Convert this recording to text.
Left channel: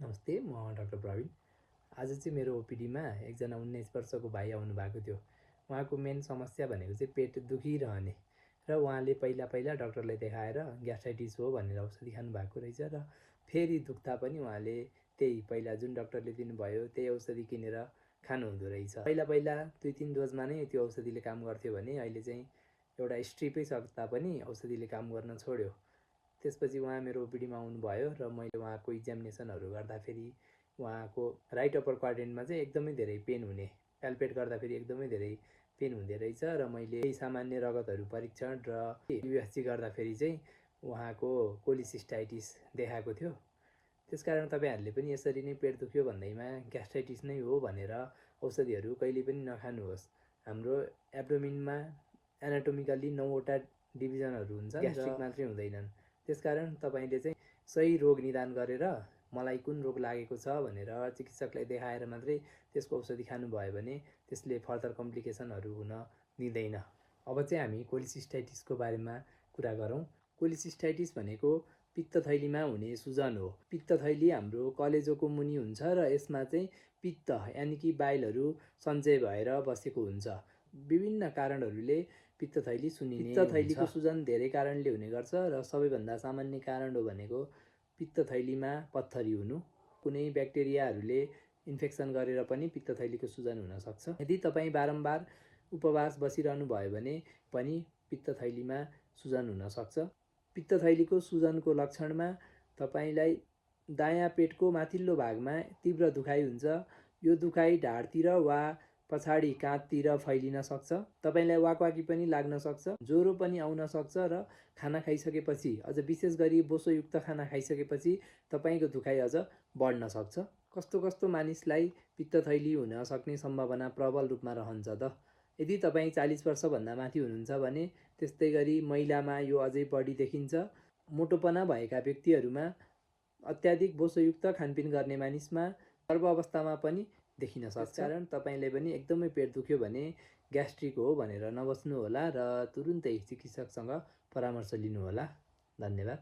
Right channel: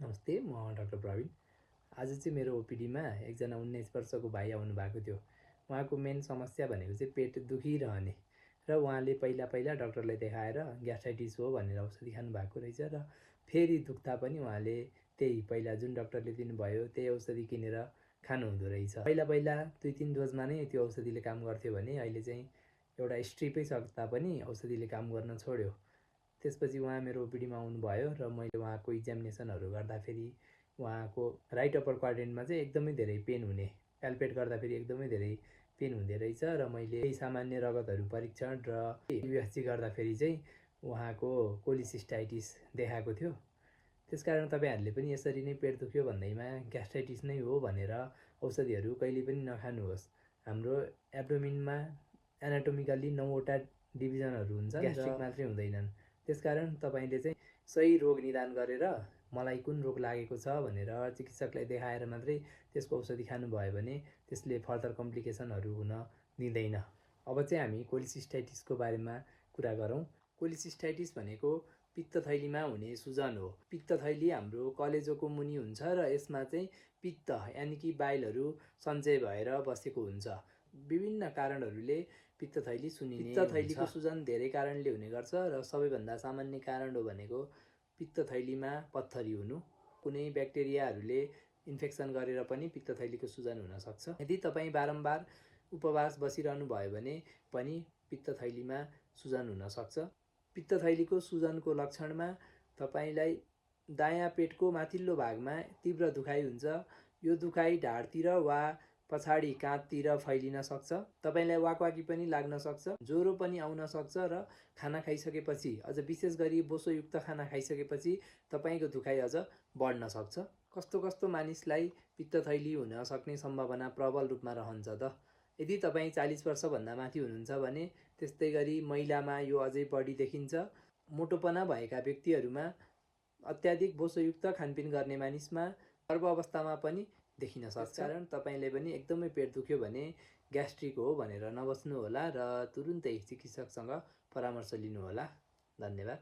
नमस्ते, म डाक्टर प्रवीण। आज चाहिँ मेरो ओपिडीमा एकजना 19 वर्षको भाइ आउनु भएको थियो। उहाँको मेन समस्या भनेको चाहिँ पेट दुखिरहने र उहाँले पहिला डाक्टरलाई देखाएर ग्यास्ट्राइटिस हो भनेर औषधि खानु भएको रहेछ र फेरि दुख्दा पनि उहाँले त्यही पहिला जुन डाक्टरले दिनुभयो त्यही औषधि किनेर खानुहुँदो रहेछ। पहिला 2-3 डोजमा नै त्यो औषधिले काम गर्थ्यो भने अहिले चाहिँ एउटा स्ट्रिपै सक्दा पनि औषधिले काम गर्न छोड्यो। त्यसपछि उहाँ मेरो ओपिडीमा आउनुभयो र मैले उहाँको इक्जामिनेसनहरू गर्दाखेरि उहाँको राइट अप्पर क्वाड्रेन्टमा चाहिँ एकदमै धेरै पेन हुने, प्याल्पेट गर्दाखेरि एकदमै धेरै पेन हुँदो रहेछ र मैले सामान्य रगतहरू परीक्षण र युएसजी गर्दाखेरि चाहिँ उहाँको कोलिसिस्टाइटिस देखाएको थियो। त्यसकारण तपाईँहरूले पनि यसरी नै पेट दुख्यो भन्दैमा ग्यास्ट्राइटिस नै हो भनेर औषधिहरू कहिले पनि नखानुहोस्। हाम्रो एब्डोमिनमा एनाटोमिकल्ली 9वटा डिभिजनहरू हुन्छ, ग्यास्ट्रिक मात्रै हुँदैनन्। त्यसकारण तपाईँले चाहिँ सही रोग निदान गरेर मलाई कुन रोग लागेको छ भनेर चिकित्सकलाई देखाएर मात्रै त्यसको औषधि खानुभयो भने त्यसले फर्दर कम्प्लिकेसनहरू हुन दिँदैन। अब चाहिँ हामी कोलिसिस्टाइटिसको बारेमा कुरा गरौँ। कोलिसिस्टाइटिस भनेको पित्तथैलीमा हुने सुजन हो। पित्तथैली हाम्रो कलेजोको मुनि हुन्छ र यसमा चाहिँ पित्त यानि कि बाइलहरू सञ्चय भएर बसेको हुन्छ। विभिन्न कारणहरूले पित्तथैली सुन्निने हुन्छ। पित्तथैलीको सुजन धेरै कारणले हुने गर्छ र सबैभन्दा सामान्य कारण हो भनेको पित्तथैलीमा पत्थरी हुनु। कुनै ब्याक्टेरियाहरूले इन्फेक्सन गरेर पनि पित्तथैलीको सुजन हुनसक्छ। यदि तपाईँ बारम्बार उपवास बसिरहनु भयो भने पनि पित्तथैलीमा सुजन हुनसक्छ। पित्तथैलीको सुजनको लक्षणमा तपाईँलाई दायाँ पेटको माथिल्लो भागमा तीव्र दुखाइ हुन्छ। यो दुखाइ ढाडतिर वा पछाडि काँधतिर फैलिन सक्छ। तपाईँलाई वाकवाकी पनि लाग्न सक्छ, ज्वरो पनि आउन सक्छ र खाना खाइसकेपछि, अझ विशेष गरी बोसोयुक्त खाना खाइसकेपछि तपाईँको दुखाइ अझ बढ्न सक्छ। कस्तो कस्तो मानिसलाई पित्तथैली हुन सक्ने सम्भावना प्रबल रूपमा रहन्छ त? यदि तपाईँ 40 वर्षभन्दा माथि हुनुहुन्छ भने त्यस्तै गरी महिलामा यो अझै बढी देखिन्छ। मोटोपना भएका व्यक्तिहरूमा, अत्याधिक बोसोयुक्त खानपिन गर्ने मानिसमा, गर्भ अवस्थामा पनि देखिन सक्छ। त्यसकारण तपाईँले पनि एकदमै पेट दुख्यो भने ग्यास्ट्रिक हो भनेर नबस्नुहोला र तुरुन्तै चिकित्सकसँग परामर्श लिनुहोला। धन्यवाद।